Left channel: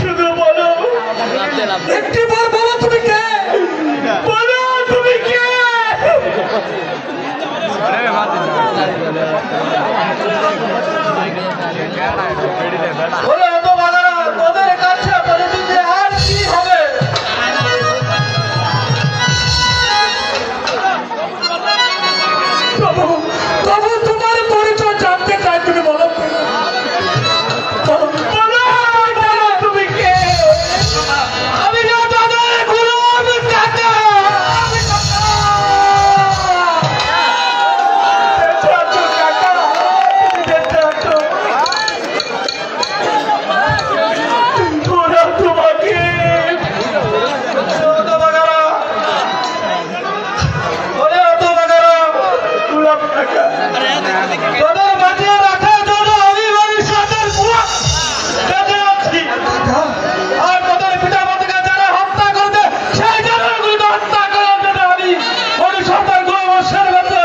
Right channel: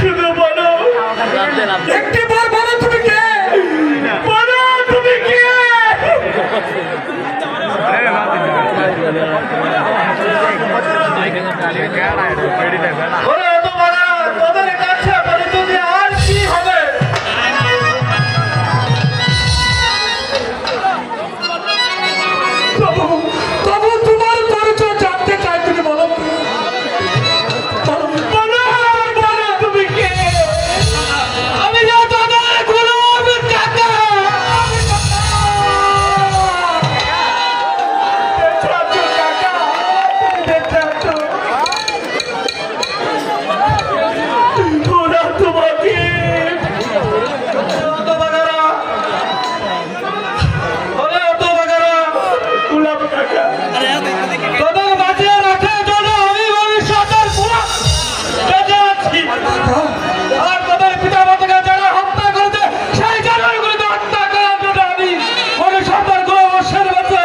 শুধু বলো একটি বার বলো তুমি কে? বলো তুমি কে? তোদের কাছে পরিচয় দিয়ে আর কি হবে? তবু তোমার পরিচয় জানতে চাই, তুমি বলো তুমি কে? আমি না তোদের কোনো টাকা তোদের বাঁচিয়ে রাখার জন্য আমি ভবিষ্যতের বেঁচে আছি। আর তোদের পিতা মাতাকে যারা হত্যা করেছে সেই জানোয়ারগুলিকে হত্যা করার জন্য আমি ভবিষ্যতের 2 বছর বেঁচে